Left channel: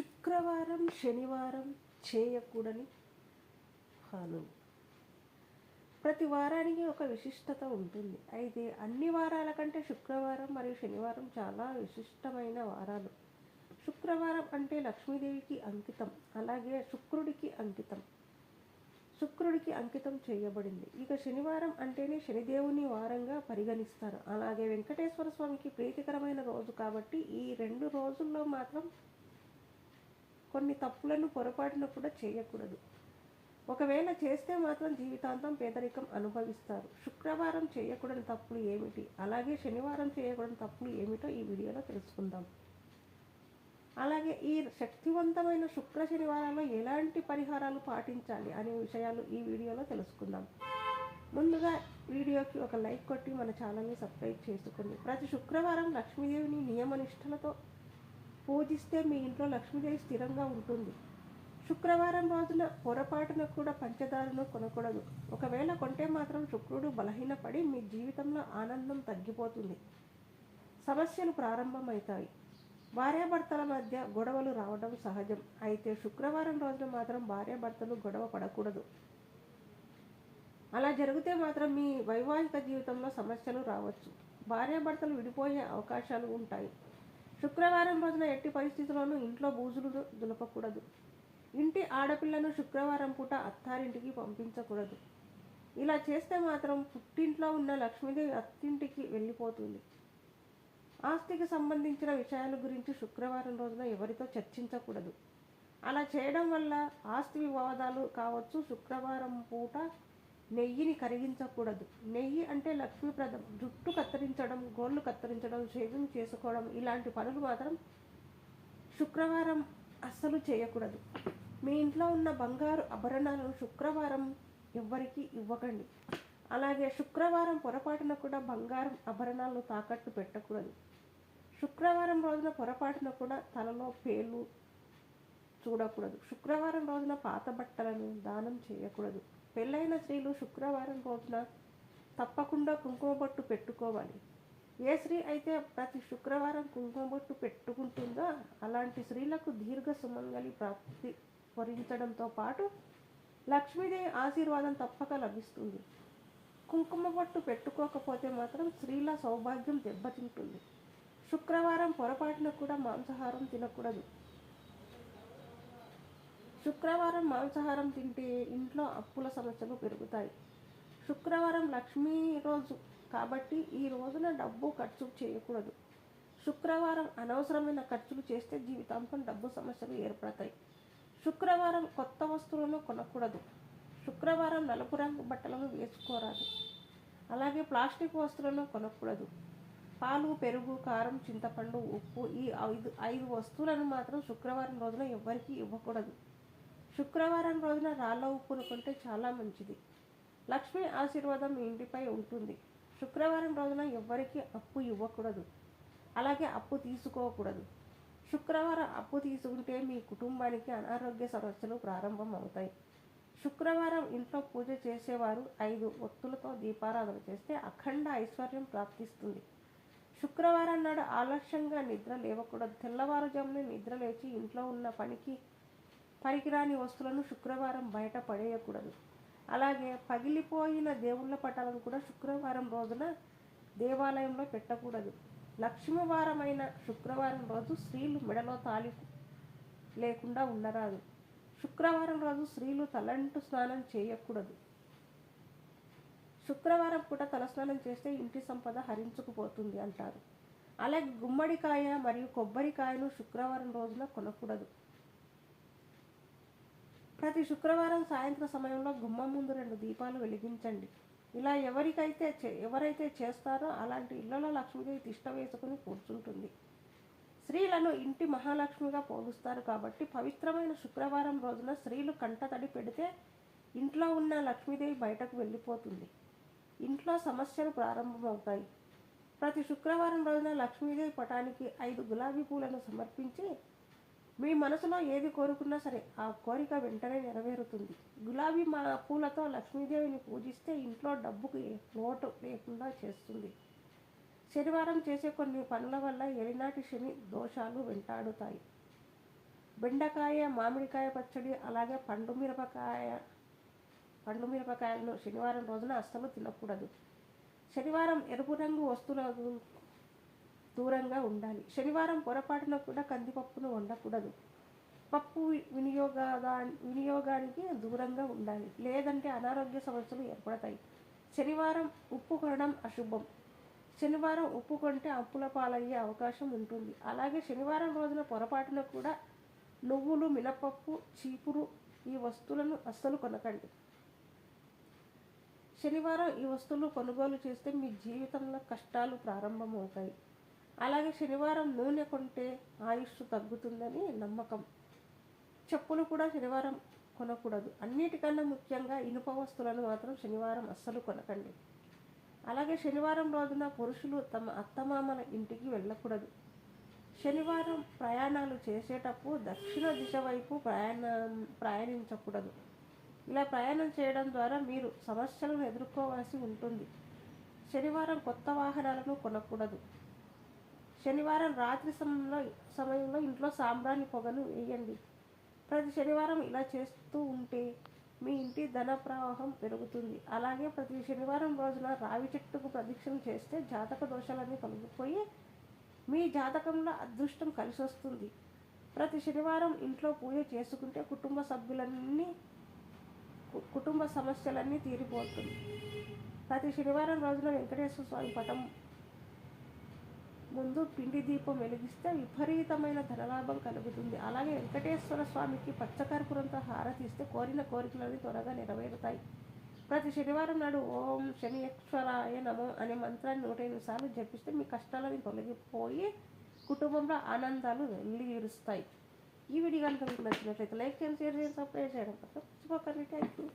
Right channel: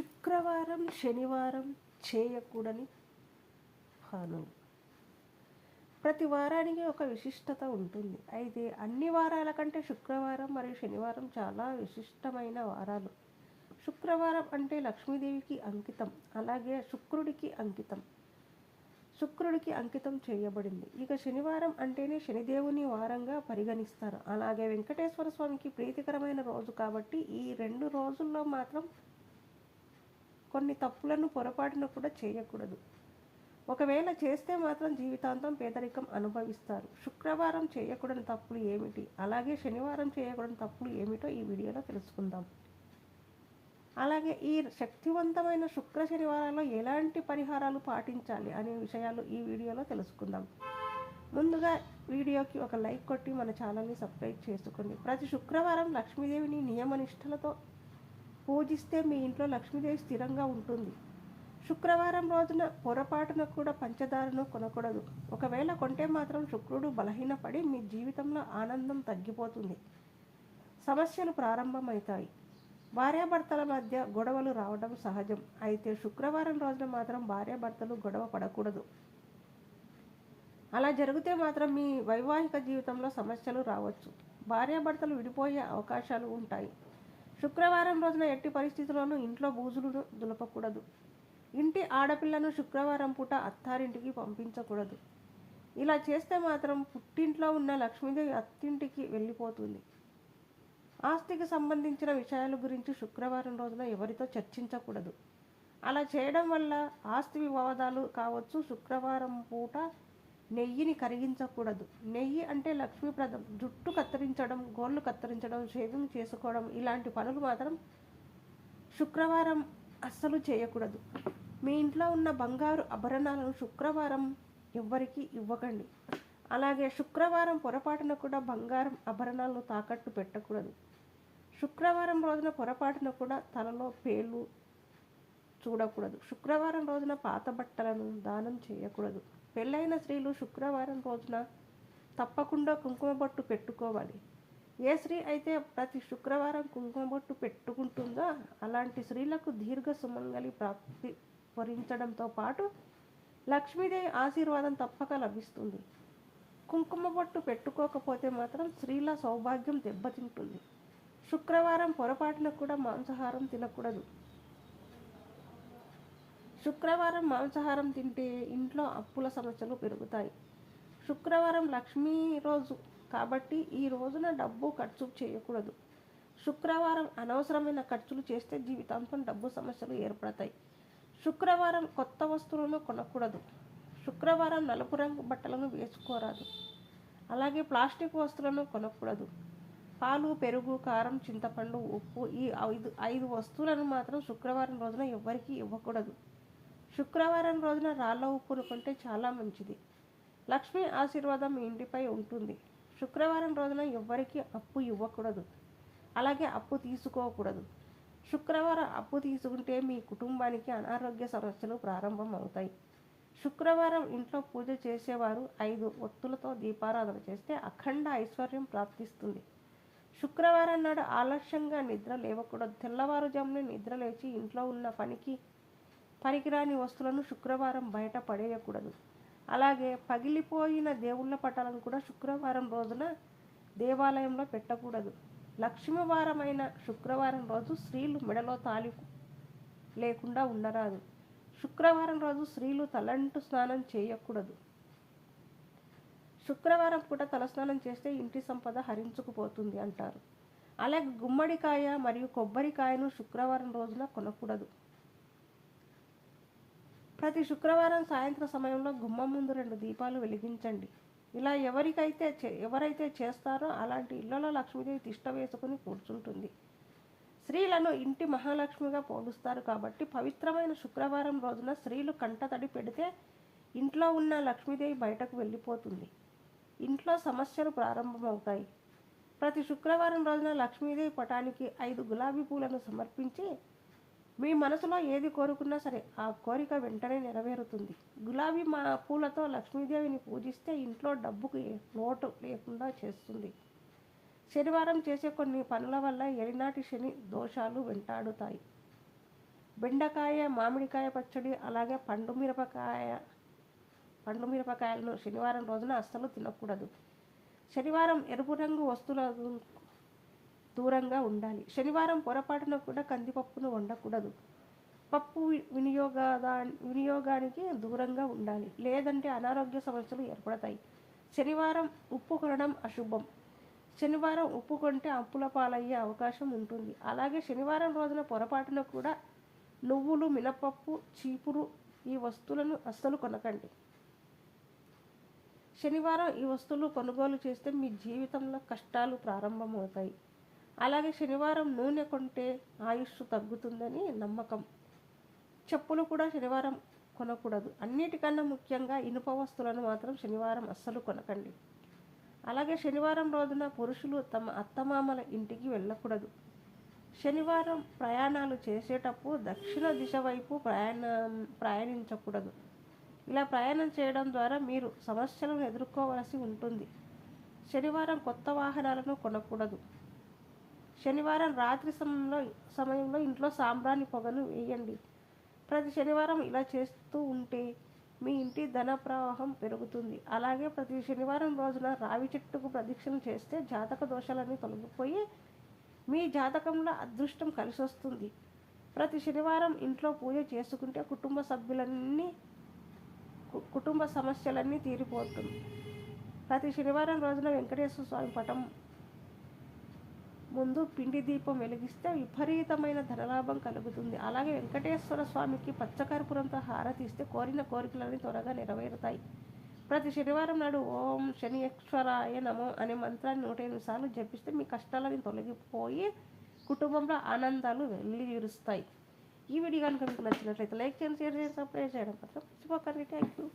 శుక్రవారం శనివారం చేయకూడని హాను ప్రతి వారానికి ఒక విశిష్టత ఉంటుంది. అయితే అన్ని వారాల కంటే శుక్రవారం మరియు శనివారం చాలా విశిష్టమైన వారాలు. శుక్రవారం అంటే లక్ష్మీదేవికి అంకితం అలాగే శుక్రుడికి అంకితం. శుక్రుడికి అంకితం చేయబడింది. ఇక శనివారం అంటేనే శనిదేవుని వారంగా పరిగణిస్తారు. అలాగే వెంకటేశ్వర స్వామికి ప్రీతికరమైన రోజు కాబట్టి ఈ రెండు రోజుల్లో మాత్రం కొన్ని తప్పులను పొరపాటును కూడా చేయకూడదు. ఒకవేళ చేస్తే మాత్రం జీవితాంతం పేదరికం అనుభవిస్తారు. శుక్రవారం చేయకూడని తప్పులు ఏమిటి? అలాగే శనివారం చేయకూడని తప్పులు ఏమిటో ఈ వీడియోలో తెలుసుకుందాం. అలాగే ఈ శక్తివంతమైన శుక్ర శనివారంలో ఎలాంటి పరిహారాలు పాటించాలి అనే విషయాలు ఈ వీడియోలో తెలుసుకుందాం. ముందుగా వీడియోకి ఒక లైక్ కొట్టి మన ఛానల్ని సబ్స్క్రైబ్ చేసుకుని ప్రతి శుక్రవారం లక్ష్మీదేవిని నియమనిష్టలతో పూజిస్తే మీ ఇంట్లో లక్ష్మీదేవి స్థిరంగా ఉంటుంది. శుక్రవారం రోజున పొరపాటున కూడా పంచదారను కొనకూడదు. ఒకవేళ కొంటే మాత్రం శుక్రుడు బలహీనపడి మీ జీవితంలో ఆనందం తగ్గిపోతుంది. సమస్యలు ప్రారంభమవుతాయి. భార్యాభర్తల మధ్య గొడవలు రావడం సహజం. అయితే శుక్రవారం రోజున మాత్రం భార్యాభర్తలు గొడవ పడకూడదు. అలా జరిగితే మాత్రం మీ వైవాహిక జీవితంలో సమస్యలు రావచ్చు. భార్యాభర్తలు విడిపోయే అవకాశాలు ఉంటాయి. శుక్రవారం రోజున ఎట్టి పరిస్థితుల్లోనూ ఇంట్లో బూజులు దులపకూడదు. ఇంటి ఆడపిల్లను శుక్రవారం పూట అత్తారింటికి పంపించకూడదు. ఇలా చేస్తే మాత్రం పుట్టింట్లో ఉన్న లక్ష్మీదేవి అత్తింటికి వెళ్ళిపోతుంది. ఆస్తికి సంబంధించిన విషయాల గురించి శుక్రవారం రోజున ఎవరితో చర్చించకూడదు. అలా చేయడం వల్ల ఆస్తి వివాదాలు కావచ్చు. శుక్రవారం పూట నెయ్యిని కరిగించకూడదు. నెయ్యి అంటే లక్ష్మీప్రదం. జుట్టు కత్తిరించడం గోళ్ళు కత్తిరించడం షేవింగ్ చేసుకోవడం ఇలాంటి పనులు మాత్రం శుక్రవారం అస్సలు చేయకూడదు. మీ ఇంట్లో ఉన్న బంగారు ఆభరణాలను శుక్రవారం ఎవ్వరికీ ఇవ్వకండి. అలాగే శుక్రవారం పొరపాటున కూడా బంగారం ఆభరణాలను తాకట్టు పెట్టకూడదు. శుక్రవారం రోజున పొరపాటున కూడా తలలో పేలు చూడకూడదు. శుక్రవారం రోజున పాత బట్టలను దానం చేయకూడదు. పెళ్ళైన స్త్రీలు శుక్రవారం రోజున తప్పకుండా కుంకుమ బొట్టు పెట్టుకోవాలి. ఏ స్త్రీ అయితే ప్రతి శుక్రవారం కుంకుమ బొట్టు పెట్టుకుంటుందో అలాంటి స్త్రీలకు దీర్ఘ సుమంగళి ప్రాప్తి వరించడంతో పాటు లక్ష్మీదేవి ఆశీర్వాదం తప్పక లభిస్తుంది. కుంకుమ బొట్టు పెట్టుకోకపోతే మాత్రం స్త్రీల సౌభాగ్యం దెబ్బతింటుంది. శుక్రవారం పొరపాటున కూడా మాంసాహారం తినకూడదు. శుక్రవారం మాంసాహారం తింటే ఇంట్లో అప్పుల సమస్యలు పెరుగుతాయి. శుక్రవారం లక్ష్మీ రోజు కాబట్టి ఈ రోజున డబ్బు ఖర్చు చేయకూడదు. శుక్రవారం అనవసరమైన ఖర్చులు చేస్తే జీవితాంతం డబ్బు సమస్యలు ఏర్పడతాయి. శుక్రవారం కొత్త వస్తువులను కొనకూడదు. శుక్రవారం నలుపు రంగు బట్టలను వేసుకోరాదు. అలాగే ప్లాస్టిక్ వస్తువులను కొనకూడదు. పాలు పెరుగు కారం చింతపండు ఉప్పు ఈ ఐదు ఐదు వస్తువులను మాత్రం శుక్రవారం రోజున ఎవ్వరికీ ఇవ్వకూడదు. శుక్రవారం రోజున రాళ్ళ ఉప్పును కొంటే చాలా మంచిది. లక్ష్మీ ఆశీర్వాదం మీ ఇంటిపై ఉంటుంది. శుక్రవారం రోజున ఎవ్వరికీ అప్పు ఇవ్వకూడదు. అలాగే అప్పు తీసుకోకూడదు. శుక్రవారం అప్పు తీసుకుంటే మీ కుటుంబానికి అనారోగ్య సమస్యలు ప్రారంభం అవుతాయి శుక్రవారం ఇంట్లో పూజ చేసేవారు ఐదు ఒత్తులతో దీపారాధన చేస్తే అఖండ ఐశ్వర్యం ప్రాప్తిస్తుంది. శుక్రవారం నాడు ఆలస్యంగా నిద్ర లేవకూడదు. తెల్లవారుజామున నిద్ర లేచి ఇంట్లో ఉన్న పనికి పనికిరాని వస్తువులను శుక్రవారం బయట పడేయకూడదు. అలాగే పగిలిపోయిన దేవుళ్ళ పటాలను కూడా శుక్రవారం రోజున దేవాలయంలో పెట్టకూడదు. లక్ష్మీవారమైన శుక్రవారం రోజు స్త్రీలు మెడలో తాలి లేకుండా ఉండరాదు. శుక్రవారం రోజు స్త్రీలు తలంటు స్నానం చేయకూడదు. శుక్రవారం పూట తలస్నానం చేస్తే ఇంటి సంపద హరించుకుపోతుంది అంటారు. అలాగే గుమ్మడికాయ మరియు కొబ్బరికాయను శుక్రవారం రోజున కొనకూడదు. ప్రతి శుక్రవారం సాయంత్రం సమయంలో గుమ్మం ముందు రెండు దీపాలు వెలిగించండి. ఇలా ఎవరికైతే చే- ఎవరైతే చేస్తారో అలాంటి ఇళ్ళలో లక్ష్మీదేవి తిష్ట వేసుకుని కూర్చుంటుంది. స్త్రీలను ఇంటి మహాలక్ష్మిగా పోలుస్తారు కాబట్టి పవిత్రమైన శుక్రవారం రోజున స్త్రీలు కంటతడి పెడితే ఇంట్లో ఉన్న లక్ష్మీదేవి బయటకు వెళ్ళిపోతుంది. ఇంట్లో సమస్యలు ప్రారంభమవుతాయి. ప్రతి శుక్రవారం రోజున లక్ష్మీదేవి పటానికి ఐదు గులాబీ పూలను సమర్పించి మీ మనసులో ఏది కోరుకున్నా సరే ఆ కోరిక వెంటనే నెరవేరుతుంది. గులాబీ మా పూలతో లక్ష్మీదేవిని పూజిస్తే ఇంట్లో డబ్బుకి లోటు లేకుండా చేస్తుంది. శనివారం చేసే కొన్ని పనుల వల్ల ఎలినాటి శని దోషాలు వెంటాడుతాయి. బెండకాయ మామిడికాయ పచ్చడి అలాగే పండు మిరపకాయ పండు మిరపకాయలను శనివారం రోజున అస్సలు తినకూడదు. శనివారం ఎరుపు రంగు వస్తువులకు దూరంగా ఉండాలి. శనివారం పొరపాటున కూడా కందిపప్పును వండకూడదు. పప్పు వినియోగదా వినియోగానికి దూరంగా ఉండాలి. లేదంటే అనారోగ్య సమస్యలు ఏర్పడతాయి. శనివారం ఉప్పు కొనడం అశుభం. శనివారం ఉప్పు కొంటే అప్పుల పాలయ్యే అవకాశం ఉంటుంది. అలాగే శనివారం రోజున పొరపాటున కూడా నువ్వులు మినపప్పు చీపురు ఈ వస్తువులను అస్సలు కొనకండి. శనివారం ఈ వస్తువులు కొనుగోలు చేస్తే మీ జీవితంలో కష్టాలు ప్రారంభమవుతాయి. అలాగే శనివారం నూనె కొంటే ఆయుష్ తగ్గుతుందని నమ్మకం. చెప్పులు కూడా శనివారం కొనకూడదు. అన్నిటికన్నా ముఖ్యంగా ఇనుప వస్తువులను మాత్రం శనివారం అస్సలు కొనకండి. అలాగే శనివారం రోజున పురుషులు తమ అత్తమామల ఇంటికి వెళ్ళకూడదు. శనివారం ప్రయాణాలు చేసేటప్పుడు దక్షిణ దిశ వైపు ప్రయాణం ప్రయాణించకూడదు. ఇలా ప్రయాణం చేయడం ద్వారా మీరు సమస్యలను ఎదుర్కోవాల్సి ఉంటుంది. శనివారం కొత్త వాహనాలను కొనకూడదు. శనివారం రాత్రి సమయంలో సమయంలో ఇంట్లో సాంబ్రాణి పొగను వేయండి. ప్రతి శనివారం ఇలా చేస్తూ ఉంటే మీ ఇంటి ధన ప్రవాహం పెరుగుతుంది. అలాగే ప్రతి శనివారం రోజున రావి చెట్టుకు ప్రదక్షిణ చేస్తే జాతక దోషాలన్నీ తొలగిపోయి మీ జాతకంలో అదృష్టం కలిసి వస్తుంది ప్రతి శనివారం ఇంట్లో పూజ చేసుకుంటే కుటుంబ సభ్యులన్నీ కు- కుటుంబ సమస్యలన్నీ తీరిపోతుంది. ప్రతి శనివారం రోజున వెంకటేశ్వర స్వామి పటం ముందు పిండి దీపం వెలిగిస్తే విపరీతమైన ధనలాభం కలుగుతుంది. అలాగే వెంకటేశ్వర స్వామికి పచ్చకర్పూరంతో హారతిస్తే కోరిన కోరికలన్నీ త్వరగా నెరవేరుతాయి. ప్రతి శనివారం నాడు ఓం శనియేశ్వరాయ నమో అనే మంత్రాన్ని నూట ఎనిమిది సార్లు జపిస్తే మీ కష్టాలని తొలగిపోయి కుటుంబంలో ఆనందాలు వెళ్ళిరుస్తాయి ఈ వీడియో కనుక మీకు నచ్చినట్లయితే లైక్ చేయండి షేర్ చేయండి సబ్స్క్రైబ్ చేయడం పక్కన మర్చిపోకండి. Thank you